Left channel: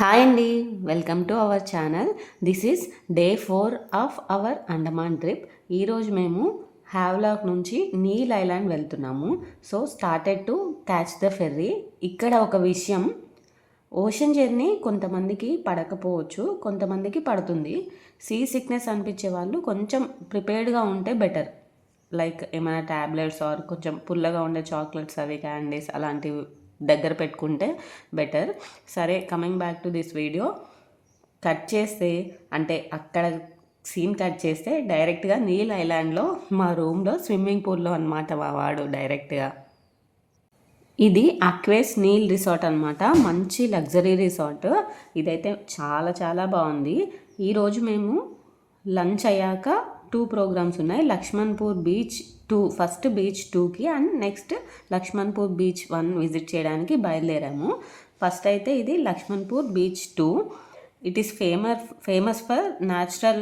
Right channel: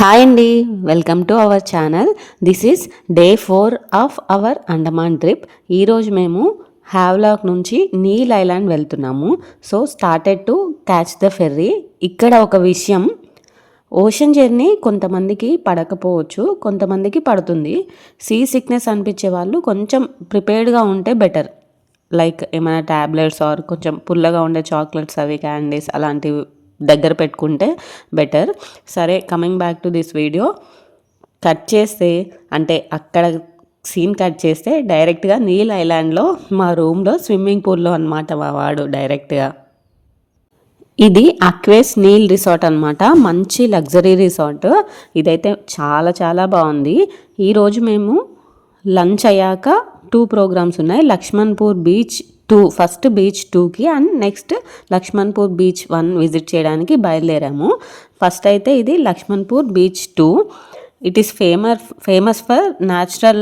Hi అండి, welcome to our channel. This is day 4 of our Andaman trip. ఈరోజు మేము Havelock నుంచి నీల్ ఐలాండ్ వెళ్తున్నాము. So started to catch the ferry. ఇక్కడ ఒక విషయం, ఓషన్ జర్నీ కొంతమందికి పడకపోవచ్చు, కొంతమందికి పడుతుంది. సీ సిక్నెస్ అనిపించే వాళ్ళు కొంచెం ప్రిపేర్డ్గా ఉంటే బెటర్. లైక్ ఏమైనా ట్యాబ్లెట్స్ ఆర్ కొంచెం పుల్లగా ఉండే చాక్లెట్స్, అవి క్యాండీస్ అలాంటివి దగ్గర పెట్టుకుంటే బెటర్. సరే, coming back to this video. Cut చేస్తే అంటే అక్కడ సీన్ కట్ చేస్తే డైరెక్ట్గా నీల్ ఐలాండ్లో మా రూమ్లో స్విమ్మింగ్ పూల్లో అనమాట మా వాడు డైరెక్ట్గా. ఇది అక్వేస్ నీల్ రిసార్ట్ అనమాట, మంచి లగ్జరీ రిసార్ట్. ఇదైతే చాలా చాలా బాగుంది. ఈరోజు మేము లంచ్ అయ్యాక 2 ప్రోగ్రామ్స్ ఉన్నాయి. లక్ష్మణ్పూర్ బీచ్ 2, ఫస్ట్ బీచ్ 2కి and next Laxmanpur beach 1 visit చేయడానికి బయలుదేరాము. ఫస్ట్ అయితే ఇది Laxmanpur beach 2. It is famous for natural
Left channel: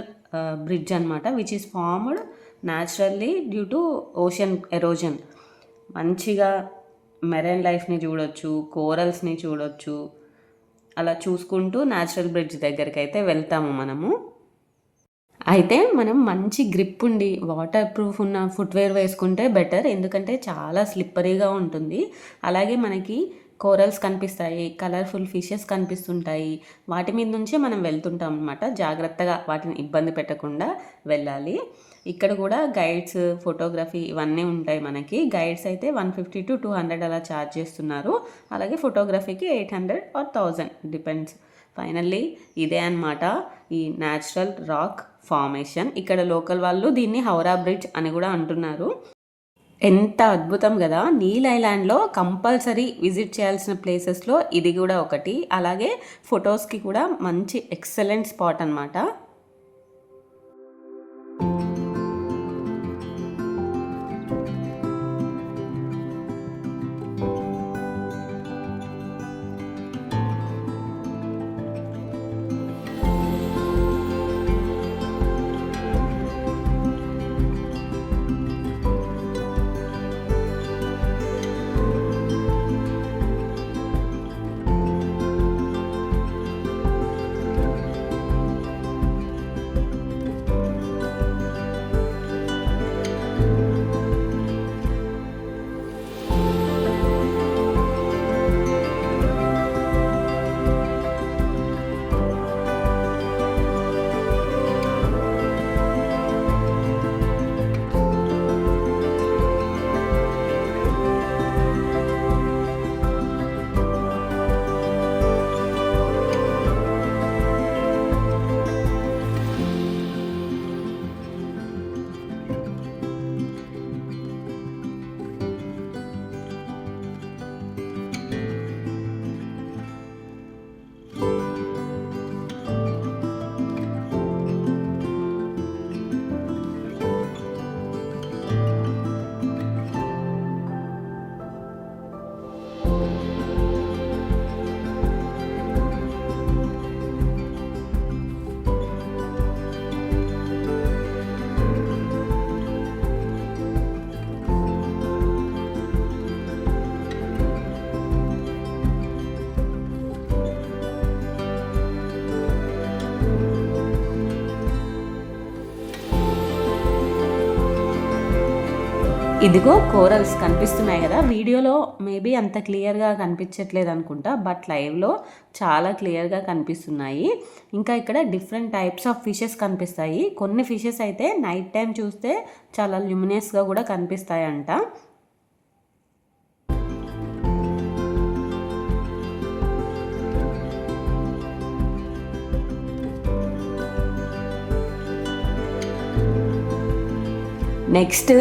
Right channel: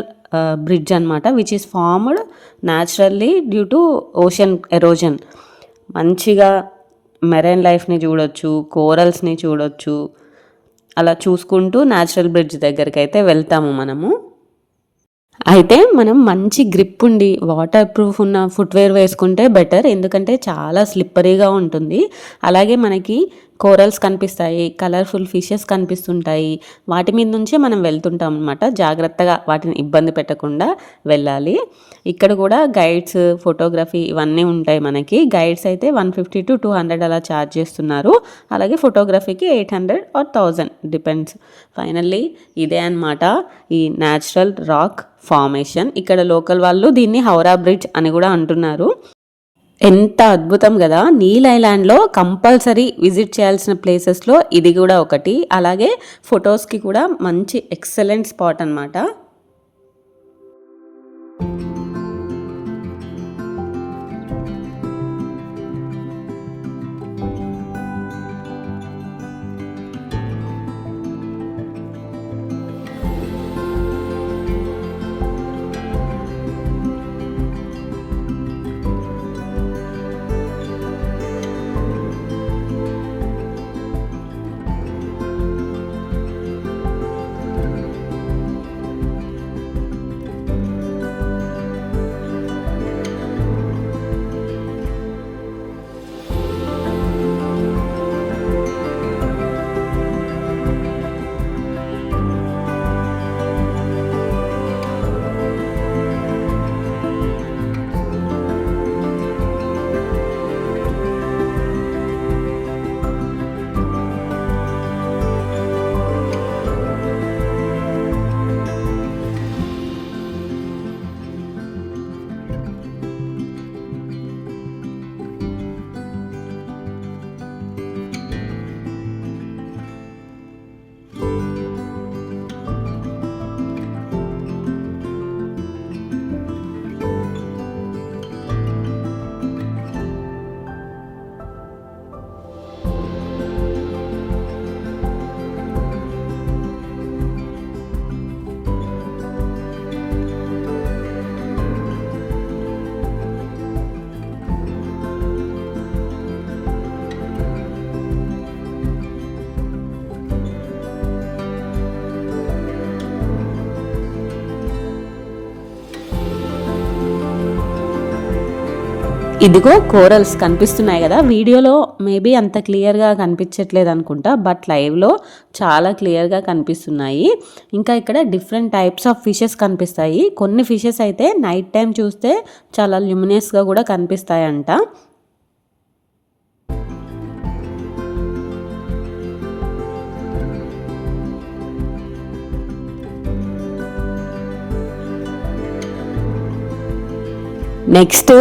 bridge అనమాట, which is formed naturally due to ocean erosion. మంచిగా మెరైన్ లైఫ్ని చూడొచ్చు, కోరల్స్ని చూడొచ్చు. అలా చూసుకుంటూ న్యాచురల్ బ్రిడ్జ్ దగ్గరికి అయితే వెళ్తాము మనము. అయితే మనం మంచి గ్రిప్ ఉండి వాటర్ ప్రూఫ్ ఉన్న ఫుట్వేర్ వేసుకుంటే బెటర్, ఎందుకంటే చాలా స్లిప్పరీగా ఉంటుంది. అలాగే మనకి కోరల్స్ కనిపిస్తాయి, కలర్ఫుల్ ఫిషెస్ కనిపిస్తుంటాయి. వాటి మీద నుంచే మనం వెళ్తుంటాం అనమాట. జాగ్రత్తగా వాటిని ఇబ్బంది పెట్టకుండా వెళ్ళాలి. ఇక్కడ కూడా గైడ్స్, ఫోటోగ్రఫీ ఇవన్నీ ఉంటాయి మనకి. గైడ్స్ అయితే 150 to 200 అలా ఛార్జ్ చేస్తున్నారు. అలాగే ఫోటోగ్రఫీకి 800 or 1000 డిపెండ్స్. ఫైనల్లీ ఇదే అనమాట ఈ న్యాచురల్ రాక్ ఫార్మేషన్. ఇక్కడ లోకల్ వాళ్ళు దీన్ని హౌరా బ్రిడ్జ్ అని కూడా అంటున్నారు. ఎంత అద్భుతం కదా! నీల్ ఐలాండ్లో కంపల్సరీ విజిట్ చేయాల్సిన ప్లేసెస్లో ఇది కూడా ఒకటి. అలాగే ఫొటోస్కి కూడా మంచి ఎక్సలెంట్ స్పాట్ అనమాట. ఇదిగో కోరల్స్ కనిపిస్తున్నాయి కదా, వీడియోలో మేబీ అంత క్లియర్గా కనిపించట్లేదు అనుకుంటా, బట్ లైవ్లో చాలా క్లియర్గా కనిపిస్తున్నాయి. ఇంకా ఇక్కడ డిఫరెంట్ టైప్స్ ఆఫ్ ఫిషెస్ కనిపిస్తాయి. కొన్ని ఫిషెస్ అయితే నైట్ టైం చూస్తే చాలా ల్యూమినస్గా కూడా కనిపిస్తాయంట. Next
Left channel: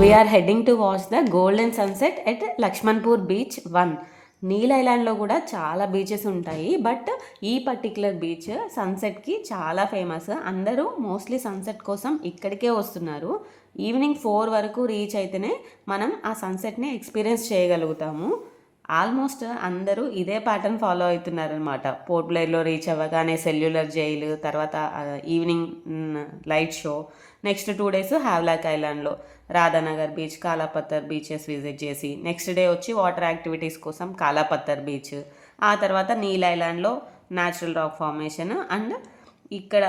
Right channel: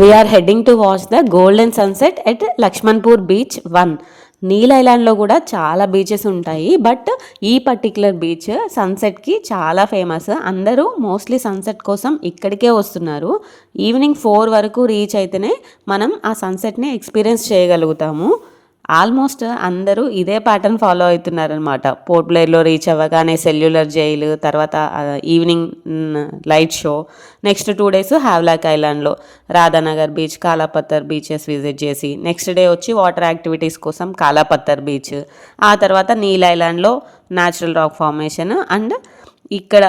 we are heading to watch the golden sunset at Laxmanpur beach 1. Neil ఐలాండ్లో కూడా చాలా బీచెస్ ఉంటాయి, బట్ ఈ పర్టిక్యులర్ బీచ్ సన్సెట్కి చాలా ఫేమస్. అందరూ మోస్ట్లీ సన్సెట్ కోసం ఇక్కడికే వస్తున్నారు. ఈవినింగ్ 4 వరకు రీచ్ అయితేనే మనం ఆ సన్సెట్ని ఎక్స్పీరియన్స్ చేయగలుగుతాము. ఆల్మోస్ట్ అందరూ ఇదే ప్యాటర్న్ ఫాలో అవుతున్నారనమాట. పోర్ట్ బ్లెయిర్లో రీచ్ అవ్వగానే సెల్యులర్ జైలు, తర్వాత evening light show. Next 2 days Havelock ఐలాండ్లో Radhanagar beach, Kalapathar beaches visit చేసి, నెక్స్ట్ డే వచ్చి వాటర్ యాక్టివిటీస్ కోసం కాలాపత్తర్ బీచ్. ఆ తర్వాత నీల్ ఐలాండ్లో న్యాచురల్ రాక్ ఫార్మేషన్ అండ్ ఇక్కడ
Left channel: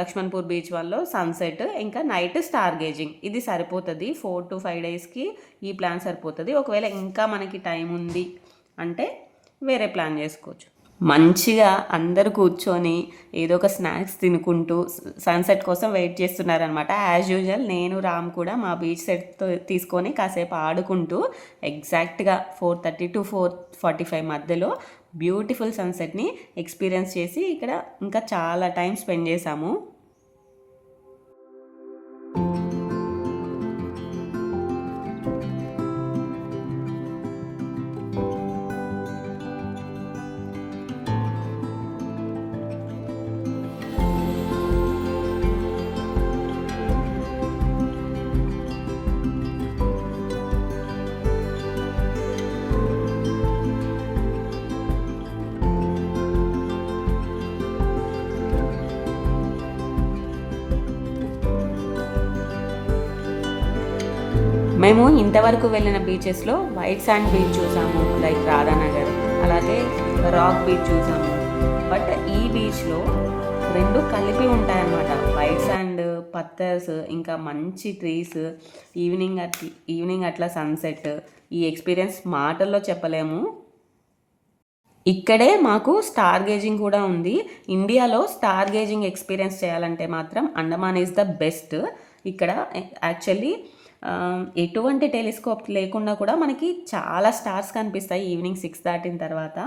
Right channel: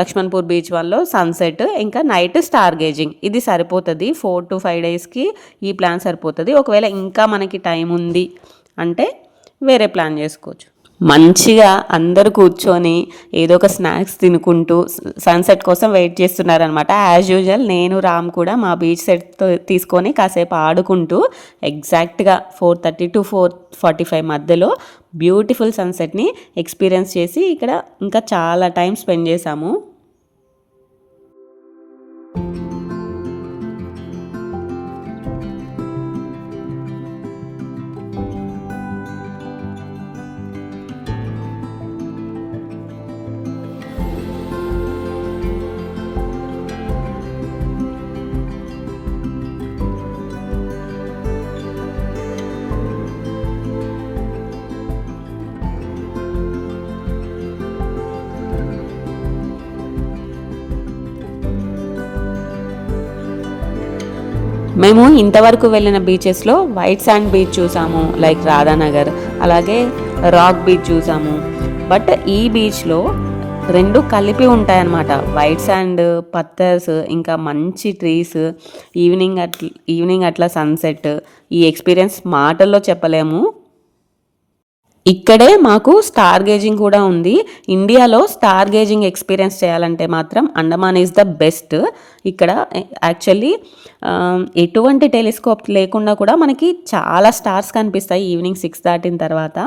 లక్ష్మణ్పూర్ బీచ్ వల్ల సన్సెట్, ఇంకా నైట్ స్టార్ గేజింగ్. ఇది సరిపోతుంది 4 to 5 డేస్కి. ఈ ప్లాన్ సరిపోతుంది. ఒకవేళ ఇంకా మనకి టైం ఉంది అంటే వేరే ప్లాన్ చేసుకోవచ్చు. మంచిగా అందరూ కూర్చొని ఏదో ఒక స్నాక్స్ తినుకుంటూ సన్సెట్ కోసం వెయిట్ చేస్తున్నారనమాట. యాజ్ యూజువల్ నేను రామ్ కూడా మా బీచ్ సెట్ తీసుకొని కాసేపు ఆడుకుంటూ ఎగ్జాక్ట్గా 4:30 to 4:45 మధ్యలో బ్యూటిఫుల్ సన్సెట్ని ఎక్స్పీరియన్స్ చేసి ఇక్కడ ఇంకా చాలా టైం స్పెండ్ చేశాము. మేము ఇంతవరకు వెళ్ళిన బీచెస్లో వైట్ శాండ్ బీచ్ చూసాము, లైక్ రాధానగర్, అలాగే రాక్ బీచ్ చూసాము. బట్ ఈ బీచ్లో రెండు కలిపి ఉంటాయన్నమాట. వైట్ శాండ్, పత్తర్స్, ఇంకా మంచి ట్రీస్, ఈవినింగ్ అట్లా సన్సెట్. ఈ ఎక్స్పీరియన్స్ మాటల్లో చెప్పలేము. ఇక్కడే మాకు స్టార్ గేజింగ్ కూడా ఉంది. ఇండియాలో స్టార్ గేజింగ్ ఎక్స్పీరియన్స్ చేయాలంటే మాత్రం అండమాన్ ఈజ్ ద బెస్ట్. ఇక్కడ యాక్చువల్లీ ఎటువంటి టెలిస్కోప్ లేకుండా కూడా మనకి చాలా స్టార్స్ కనిపిస్తాయి ఈవినింగ్ 6 దాటిన తర్వాత,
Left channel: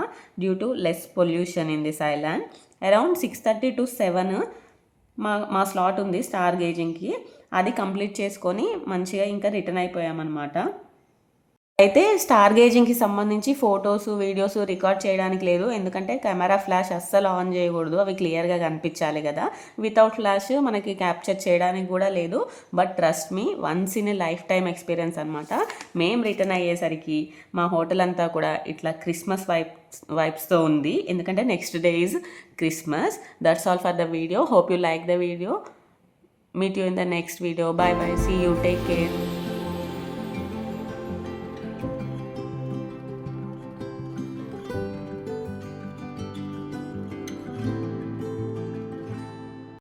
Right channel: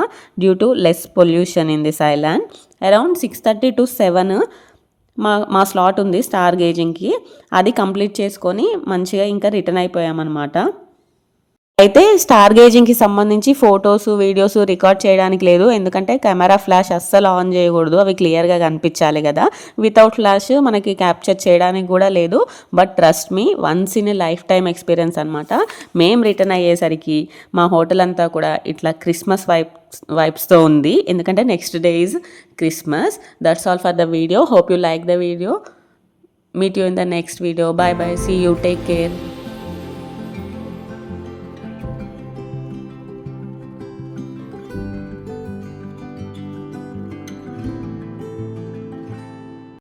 due to less pollution in this island. Around 6:30 to 7 మా స్లాట్ ఉంది స్టార్ గేజింగ్కి. అది కంప్లీట్ చేసుకొని మంచిగా ఇంకా రిటర్న్ అయిపోయామన్నమాట. అయితే స్టార్ గేజింగ్కి సంబంధించి ఫొటోస్, వీడియోస్ రికార్డ్ చేయడానికి లేదు. ఎందుకంటే కెమెరా ఫ్లాష్ అస్సలు ఆన్ చేయకూడదు, అవి క్లియర్గా కనిపించాలి కదా. వితౌట్ ఫ్లాష్ మనకి క్యాప్చర్ చేయడానికి కూడా లేదు. But trust me, once in a life time experience అనమాట. మేము రిటర్న్ అయ్యేసరికి మా హోటల్ అంతా కూడా ఇట్లా క్రిస్మస్ వైబ్స్తో ఉంది. ఎందుకంటే next day is Christmas. That's all for the video. Hope you like the video. Meet you in the next video. Bye bye. See you. Take care.